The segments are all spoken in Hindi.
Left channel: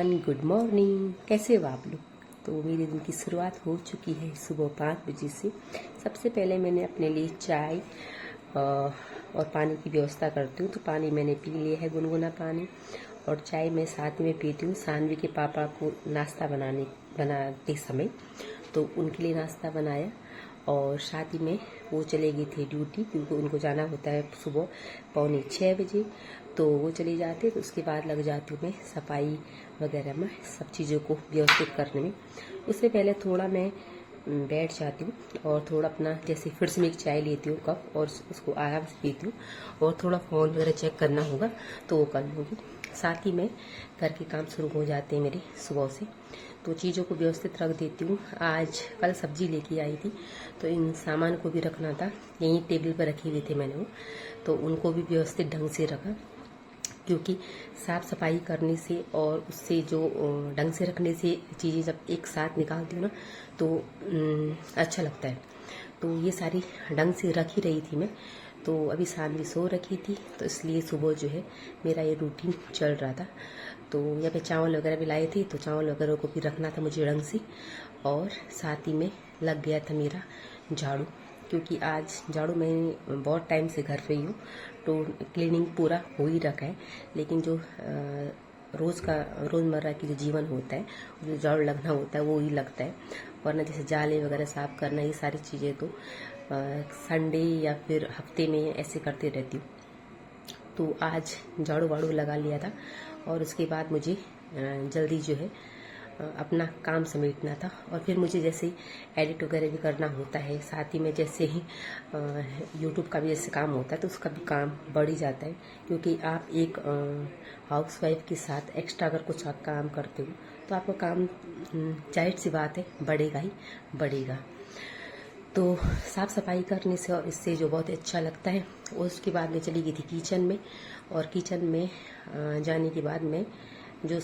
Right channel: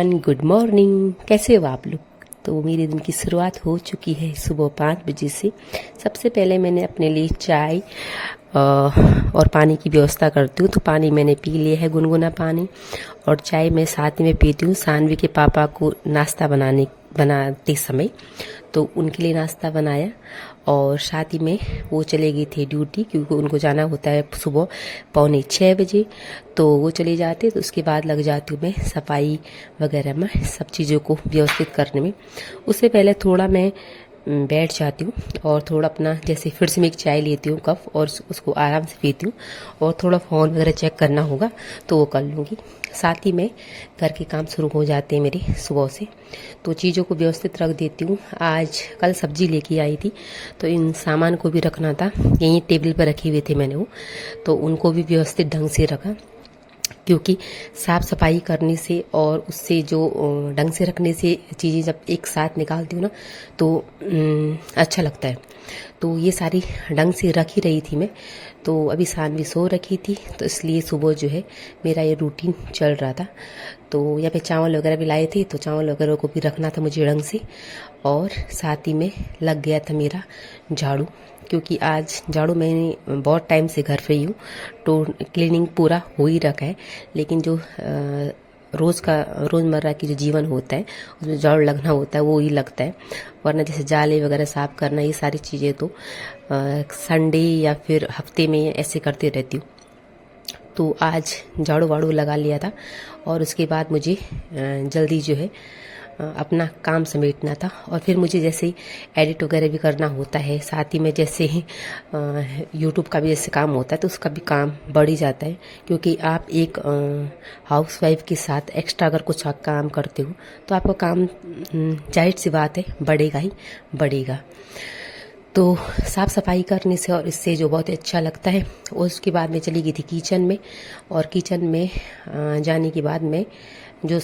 Everyone, good morning. कैसे हो आप लोग? तो मेरे दिन की शुरुआत हो चुकी है सुबह 5 बजे से। सबसे पहले मैंने अपने लिए चाय और पानी की व्यवस्था करती हूँ। तो पानी मैंने पी लिया है, गुनगुना पानी, और चाय मैं साथ में पीती हूँ। सानवी के पापा को नाश्ता बनाते समय तो उनके लिए नाश्ता बनाया, और साथ ही में वो चले गई थी ड्यूटी, क्योंकि उनको जाना होता है सुबह 5:45 बजे। तो वो चले जाते, तो उसके बाद लग जाती हूँ मैं सफाई वगैरह में, सब चीज़ों को व्यवस्थित करने में। उससे पहले थोड़ा मैं बैठ जाती हूँ और थोड़ा अपना, जैसे फिर से मैं एक चाय लेती हूँ कप, और उसको आराम से पीती हूँ, और थोड़ा फ़ोन वगैरह चेक करना होगा तो वो कर लूँगी। साथ ही में घर के काम शुरू हो जाते हैं मेरे सुबह से, तो चीज़ों को व्यवस्थित रख देती हूँ। आज कल सब्जी लेके आई थी, तो इन सामान को भी रखना था, यहीं टेबल पर रखे हुए थे मैंने वो, तो उनको भी व्यवस्थित ढंग से रखा, क्योंकि साफ़ सफाई करने से और उससे जो ढंग से रखने से चीज़ें जब एक साथ निकालती हूँ ना, तो अच्छा लगता है। तो ये सारी ढंग से रख ही रही थी मैं। तो अभी सानवी सो रखी थी, तो इसलिए सुबह जो है मेरा ये रूटीन चल रहा था। तो यहाँ पे चावल वगैरह भी लाए थे, तो चावल वगैरह को भी रखना था मुझे ढंग से, और साथ ही में लग गया था मेरा झाड़ू, क्योंकि आज झाड़ू मैंने बहुत टाइम से घर पे ही हूँ, तो क्लीनिंग पूरा हो ही रखा है। लेकिन जो रोज़मर्रा की जो जीवन होता है उसमें झाड़ू लगना होता है, वो ही लगता है। वरना जैसे जाले वगैरह साफ़ करना, ये सारी चीज़ें तो संडे या फिर हफ्ते में ऐसे करते रहती हूँ। तो आज झाड़ू वाड़ू लगा लिया था, और उसके बाद मुझे जल्दी जो है अपना काम समेटना था। और फिर मुझे जैसे ही एडिट वगैरह भी करना होता है, साथ ही में जैसे ही यूट्यूब का भी जैसे काम होता है, तो उसका भी काम बढ़ ही जाता है। क्योंकि आप एक हाउसवाइफ के साथ एक्स्ट्रा अगर कुछ आप काम करते हो, तो आपका काम जाहिर सी बात है बढ़ेगा ही बढ़ेगा। तो साफ़ सफाई करने से और इससे जो बहुत अच्छा लगता है। और उसके बाद मैं चली गई थी किचन में, और किचन में जाने के बाद मैं जो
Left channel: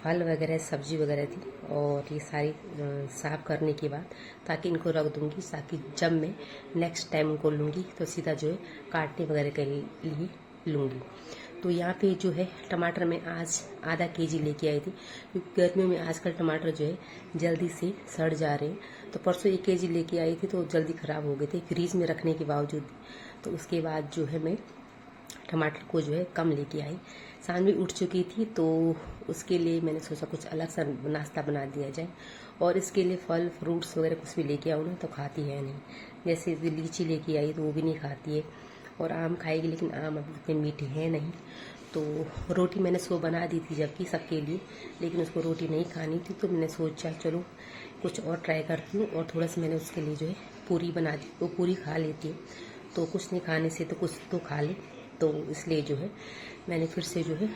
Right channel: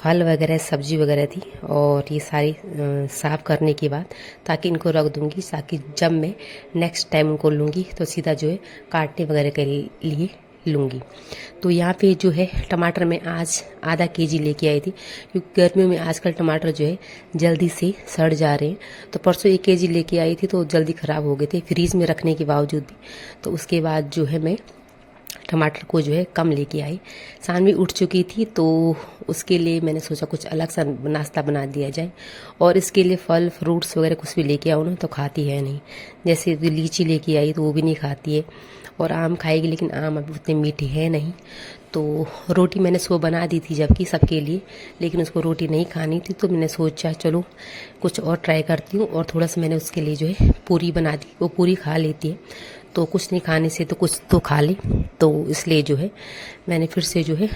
फल वगैरह सब्जी वगैरह थी, और ये सारी साफ़ करने के बाद, ताकि इनको रख दूँगी, ताकि जब मैं नेक्स्ट टाइम उनको लूँगी तो सीधा जो है काटने वगैरह के लिए लूँगी। तो यहाँ पे जो है टमाटर मैं आज आधा केजी लेके आई थी, क्योंकि गर्मियों में आजकल टमाटर जो है जल्दी से सड़ जा रहे हैं। तो परसों 1 केजी लेके आई थी, तो जल्दी ख़राब हो गए थे फ्रीज़ में रखने के बावजूद भी। तो उसके बाद जो है मैं टमाटर को जो है कम लेके आई। सानवी उठ चुकी थी, तो उसके लिए मैंने सोचा कुछ अलग सा नाश्ता बना दिया जाए, और इसके लिए फल फ्रूट्स वगैरह कुछ भी लेके आओ ना तो खाती है नहीं। जैसे लीची लेके आई तो वो भी नहीं खाती है, और आम खाएगी, लेकिन आम अभी उतने मीठे हैं नहीं। तो रोटी मैंने सुबह बना दी थी जबकि सबके लिए, लेकिन उसको रोटी नहीं खानी थी, तो मैंने सोचा चलो कुछ और ट्राई करती हूँ। और थोड़ा सा मैंने उसके लिए जो है पूरी बना दी, वो पूरी खा लेती है, तो कुछ नहीं खाने से तो कुछ तो खा ले। तो इसलिए जो है मैंने फिर से जो है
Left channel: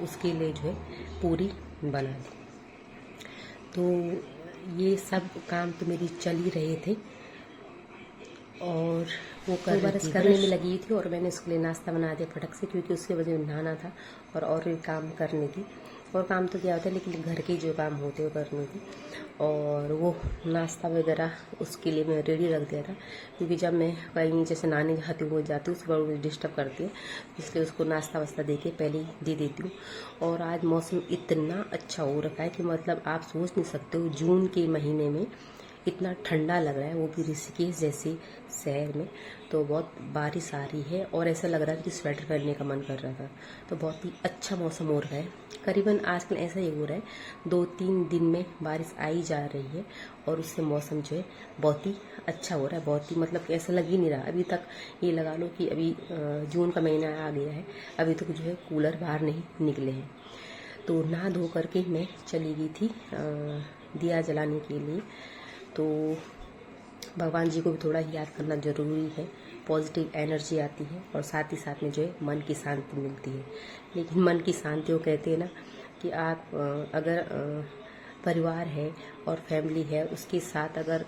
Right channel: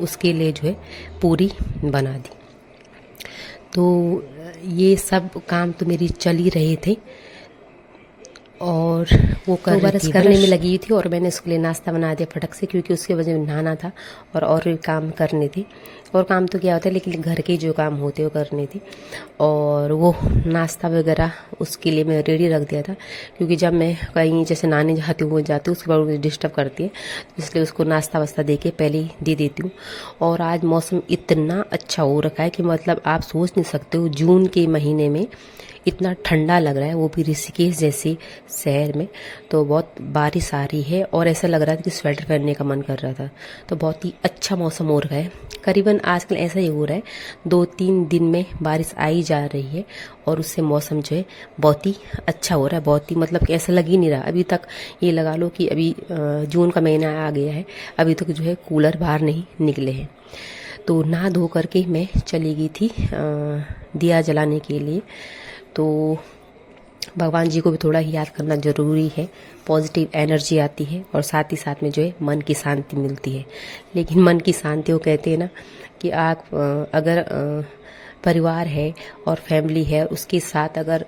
उसके लिए जो है पूरी बना दी। तो ये सब काम तो मेरी चल ही रहे थे, और वो बरस करने में लगी थी, और मैंने उसके लिए नाश्ता बना दिया फटक से, क्योंकि उसके वजह में नहाना था और भी काम करने थे। और काम तो क्या होता है, लेकिन घर के जो काम होते हैं वो करने थे। और वो नाश्ता वगैरह उसके लिए मैं रेडी रख दिया था, क्योंकि जब मैं कहीं जैसे नहाने जाती हूँ, वो जाती हूँ, उसके बाद मुझे डिस्टर्ब करती है, तो इसलिए उसको नाश्ता वास्ता दे के पहले ही दे देती हूँ। और आज मौसम इतना अच्छा हो रखा है कि मतलब आप सोच नहीं सकते हो, जून के महीने में इतना ठंडा लग रहा है, वो भी ऋषिकेश जैसे शहर में। तो बहुत बारिश आ रही है, और ऐसा लग रहा था कि स्वेटर पहनने का मन कर रहा था। तो बहुत ही अच्छा मौसम हो रहा है। करीबन आजकल ऐसा ही हो रहा है, 2-3 दिन में बारिश आई जा रही है, और उससे मौसम जो है बहुत ही अच्छा हो रहा है। बहुत ही मतलब कि ऐसा लग ही नहीं रहा अभी तक, ये लगा लो कि अभी जून का महीना आ गया है, अभी तक जो है कूलर बाहर नहीं निकले हैं। तो नहा धो करके मैं चली गई थी दिया जलाने के लिए। तो भगवान जी को भी थोड़ा ही याद करना ज़रूरी है, पॉजिटिव एनर्जी आती है, और साथ ही साथ में जो है मन की शांति मिलती है। लेकिन मन की शांति वो कहते हैं ना कि आप अगर परिवार है और फैमिली है, उसके साथ अगर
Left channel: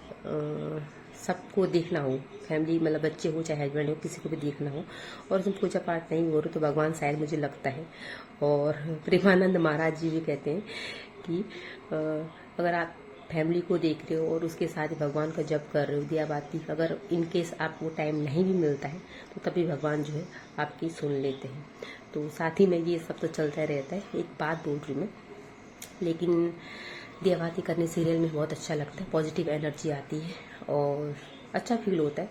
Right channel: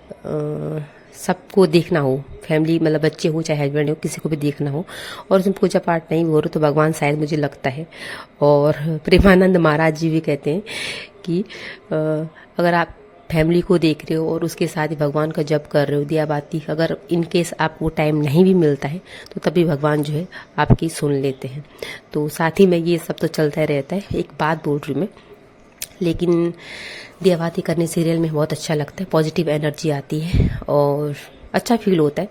सबको देखना हो, फैमिली मतलब बच्चे हो चाहे हस्बैंड हो, किसी को भी देखना हो, और उसमें पूजा पाठ नहीं हो रहा, तो भगवान शायद मुझे लगता है, और प्रेमानंद महाराज जी भी कहते हैं कि अगर आप फैमिली को देख रहे हो और उसके साथ ही भगवान का जप कर रहे हो, दिया बाती, अगर इन केस आपको टाइम नहीं भी मिलता है, तो तभी भगवान जो है आपकी सुन लेते हैं। तो साथ ही में ये सब तो चलता रहता है। एक बात बोल रही मैं, लेकिन दिया बाती करने सीरियल में बहुत अच्छा लगता है, पॉजिटिव एनर्जी आती है और अच्छा फील होता है।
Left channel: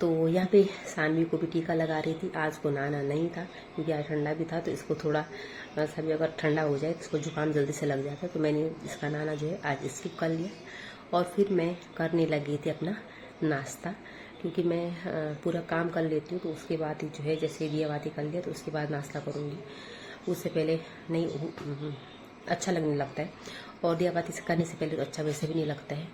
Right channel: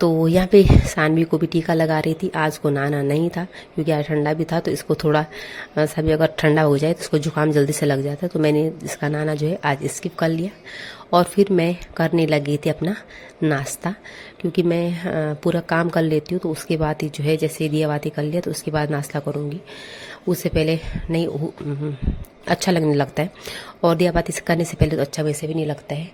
तो यहाँ पे सानवी को भी टीका लगा रही थी। आज को नहाना नहीं था क्योंकि आज ठंडा भी था, तो इसको थोड़ा सभी अगर ठंडा हो जाए तो इसको जुकाम जल्दी से लग जाता है, तो मैंने इसका नहाना जो है आज स्किप कर लिया। और फिर मैं करने लगी थी अपना नाश्ता, क्योंकि मैं पूरा काम कर लेती हूँ तो उसके बाद ही जो है, जैसे दिया बाती कर लिया तो उसके बाद नाश्ता करूँगी, उससे पहले नहीं अच्छा लगने लगता है। और दिया बाती से करने से पहले तो अच्छा वैसे भी नहीं लगता है।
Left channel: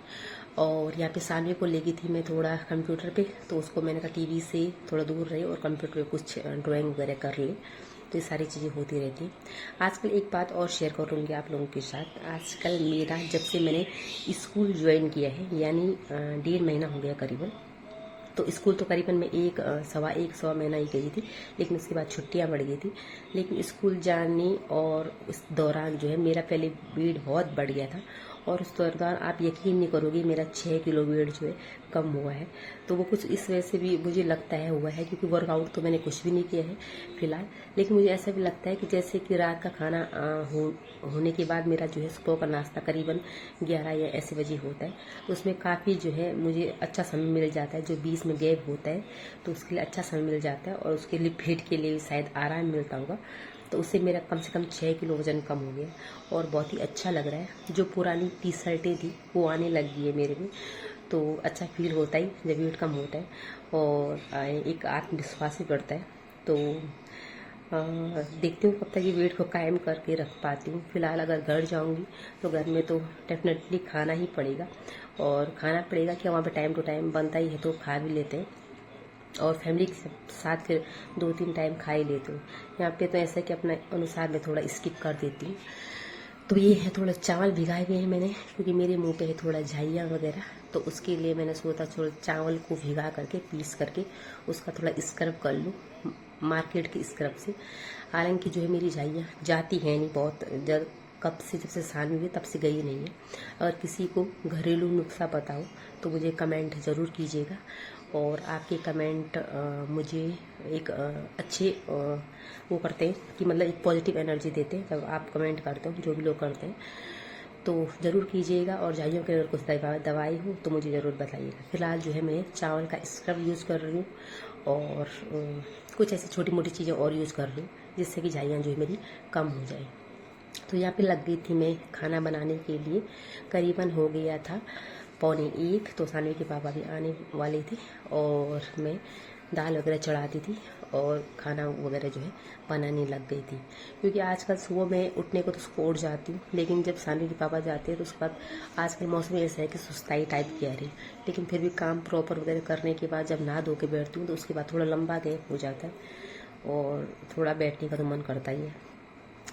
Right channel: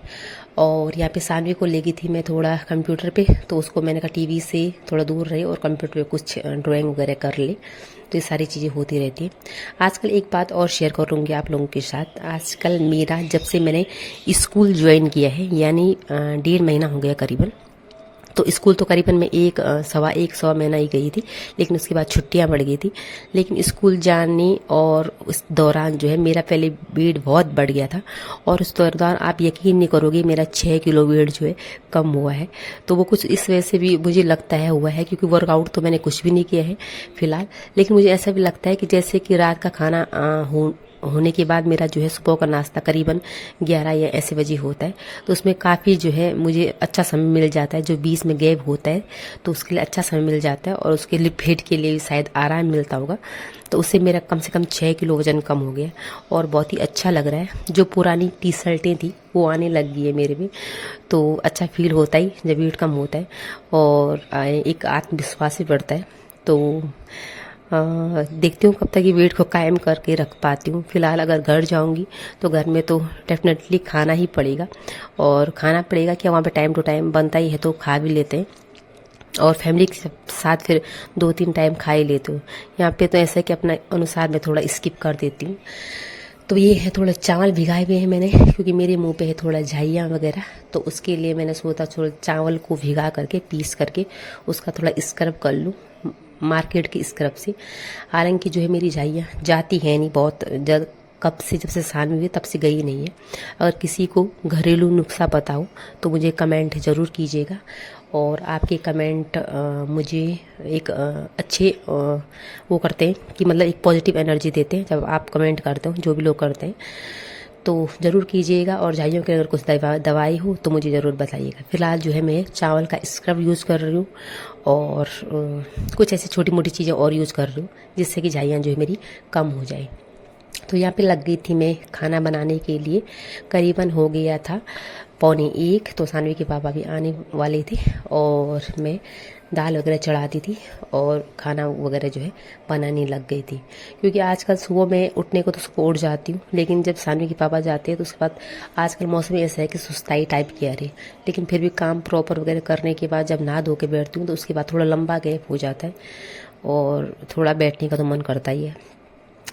और यहाँ पे सानवी को ले गई थी मैं थोड़ा कंप्यूटर पे, तो उसको मैंने कहा टीवी से थोड़ा दूर रहे और कंप्यूटर पे कुछ ड्राइंग वगैरह कर ले, तो ये सारी चीज़ें होती रहती है। आजकल एक बात और शेयर करूँगी आप लोगों के साथ। आजकल मेरा जब से मैंने स्कूल ज्वाइन किया है, यानी 1.5 महीना हो गया करीबन, तो स्कूल तो करीबन मैं सवा महीना ही गई थी, लेकिन उसके बाद छुट्टियां बढ़ गई थी। लेकिन स्कूल जाने और उस दौरान जो है मेरा पहले वेट बहुत बढ़ गया था, और उस दौरान आप यकीन नहीं करोगे मेरा 6 किलो वेट जो है कम हुआ है। तो वो कुछ इस वजह से भी मुझे लगता है हुआ है, क्योंकि वर्कआउट तो मैंने कुछ भी नहीं किया है फिलहाल। लेकिन मुझे ऐसा भी लगता है कि जैसे कि रात का खाना होने के बाद मेरा जो है सुबह का नाश्ता करीबन 11 या ऐसे बजे होता है, तो उसमें काफ़ी जो है मुझे अच्छा समय मिल जाता है। जो बीच में गैप होता है तो उसके लिए अच्छा समय मिल जाता है, और उसके लिए पेट के लिए भी शायद आराम मिलता होगा। तो उससे मेरा कम से कम 6 किलो वजन कम हो गया और बहुत ही अच्छा लग रहा है। जो पुरानी टी शर्टें थी वो आने लग गई है मेरे में, तो अच्छा फील होता ही जब वेट कम होता है, और एक आत्मविश्वास भी बढ़ता है। तो देखती हूँ कब तक ये वेट को कायम करके रख पाती हूँ। फिलहाल अगर घर जाऊँगी तो घर में तो डेफिनेटली खाना ही पड़ेगा, और खाना पड़ेगा क्या, वहाँ पे टाइम टू टाइम बनता ही है तो खा भी लेते हैं, और फैमिली के साथ फिर 2-3 टाइम खा ही लेती हूँ। यहाँ पे तो ऐसा है कि अपना अनुसार मैं थोड़ा स्किप कर देती हूँ। तो ये है, थोड़ा चावल भिगाए हुए हैं मैंने, क्योंकि मेरे मुंह पे है थोड़ा झाइयाँ वगैरह, तो उसके लिए मैंने सोचा थोड़ा चावल को भिगा करके पीस करके उसका थोड़ा स्क्रब कर लूँ मार्केट की स्क्रब से। हालांकि जो है मेरी झाइयाँ जाती है नहीं बहुत, कब से जब से सानवी हुई तब से गई नहीं है। अगर किसी को घरेलू नुस्खा पता हो तो मुझे कमेंट ज़रूर कीजिएगा, और आपके कमेंट मुझे एक अच्छे वो करते हैं कि मतलब एक पॉजिटिव एनर्जी देते हैं जब आप कमेंट करते हो, जो भी लोग करते हैं। तो ज़रूर कीजिएगा, और झाइयों की अगर कुछ दवाई हो तो मुझे ज़रूर बताइएगा। फिलहाल जो है मैं चावल का स्क्रब यूज़ कर रही हूँ, और कुछ ऐसी छोटी मोटी चीज़ें और यूज़ कर रही हूँ जिससे कि झाइयाँ जो है मेरी कम हो जाए। तो यहाँ पे लग गई थी मैं खाना बनाने के लिए। करीबन हो गया था 12:45, तो सानवी के पापा भी आने वाले थे, और मैं दाल वगैरह चढ़ाती थी और खाना वगैरह जो है बनाने लग गई थी। क्योंकि आजकल सुबह मैं उठने को तो सुबह उठ जाती हूँ, लेकिन जब सानवी के पापा जाते हैं तो उसके बाद आजकल मौसम ऐसा है कि सुस्ताई टाइप की आ रही है, लेकिन फिर भी काम प्रॉपर वगैरह करने के बाद जब नहा धो के बैठती हूँ तो उसके बाद थोड़ा लंबा गैप हो जाता है, और थोड़ा बैठने का तो मन करता ही है,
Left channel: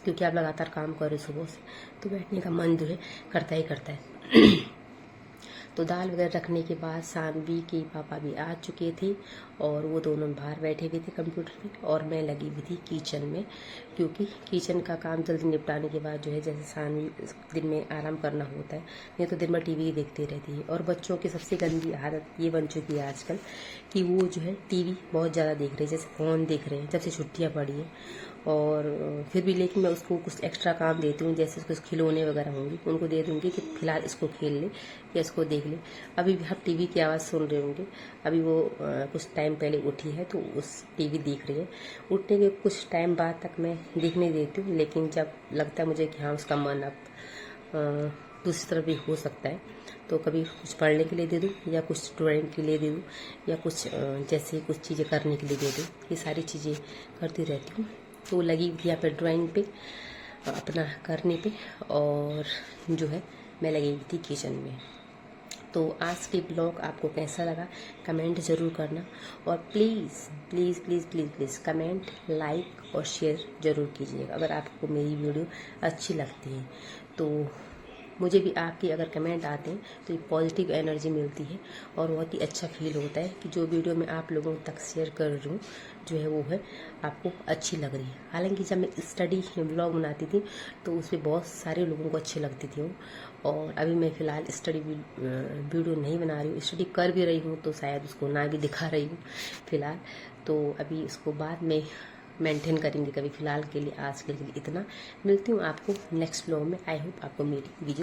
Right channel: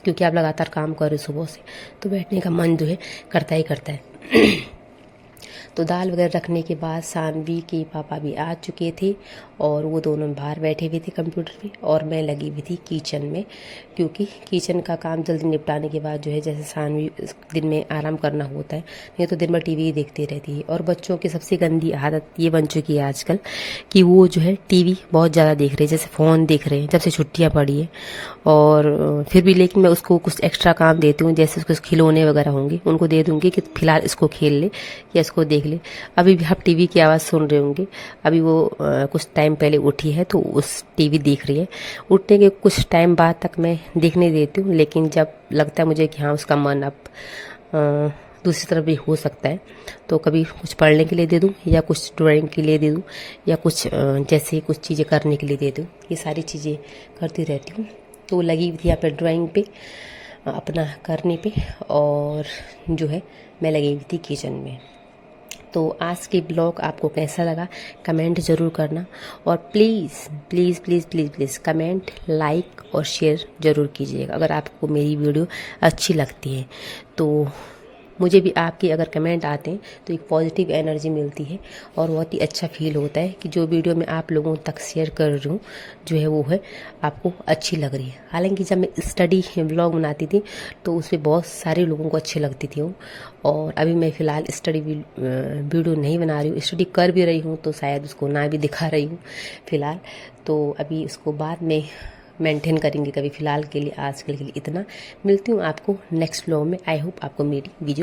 क्योंकि आप लगातार काम कर रहे हो सुबह से, तो बैठने का मन जो है करता ही करता है। तो दाल वगैरह रखने के बाद सानवी के पापा भी आ चुके थे, और वो दोनों बाहर बैठे हुए थे कंप्यूटर पे, और मैं लगी हुई थी किचन में, क्योंकि किचन का काम जल्दी निपटाने के बाद जो है, जैसे सानवी दिन में आराम करना होता है, नहीं तो दिन भर टीवी ही देखती रहती है। और बच्चों की सबसे गंदी आदत ये बन चुकी है आजकल कि वो जो है टीवी बहुत ज़्यादा देख रहे हैं, जैसे फ़ोन देख रहे हैं जब से छुट्टियाँ पड़ी है। और फिर भी लेकिन मैं उसको कुछ एक्स्ट्रा काम देती हूँ, जैसे उसको खिलौने वगैरह होंगे उनको दे दूँगी कि फिलहाल इसको खेल ले या इसको देख ले। अभी भी आप टीवी की आवाज़ सुन रहे होंगे, अभी वो कुछ टाइम पहले उठी है तो उस टीवी देख रही है। उठने के कुछ टाइम बाद तक मैं देखने देती हूँ, लेकिन जब लगता है मुझे कि हाँ उसका मन अब दूसरी तरफ भी हो सकता है, तो कभी कुछ पढ़ने के लिए दे दूँ, या कुछ ड्राइंग के लिए दे दूँ, या कुछ जैसे कुछ चीज़ें करने के लिए दे दूँ। ये सारी चीज़ें करती रहती हूँ। तो लगी हुई थी यहाँ पर ड्राइंग पे अपना करने पे, और जो है मैं लगी हुई थी किचन में। तो आज की ब्लॉग आपको कैसा लगा कमेंट ज़रूर करना, और please please please please please comment, like और शेयर ज़रूर कीजिएगा अगर आपको मेरी वीडियो अच्छी लगती है। तो मुझे भी आपके अगर कमेंट आते हैं तो एक पॉजिटिव एनर्जी मिलती है, और बहुत ही अच्छा फील होता है कि जो वीडियो मैं आप लोगों तक शेयर कर रही हूँ जो है वो है आपको अच्छी लग रही है। हालांकि जब मैं स्टडी व्लॉग बनाती थी तो उसमें बहुत सारे लोगों को अच्छी लगती थी वो, और अभी मैं फ़िलहाल स्टडी वीडियो नहीं बना रही हूँ, स्टडी कर भी रही हूँ तो शायद उसको ना भी दिखा रही हूँ फ़िलहाल। तो अभी उसको बाद में मेंटेन करेंगे कभी। फिलहाल के लिए आजकल के लिए इतना। मिलती हूँ आपको नेक्स्ट व्लॉग में। आई होप आपको मेरी वीडियो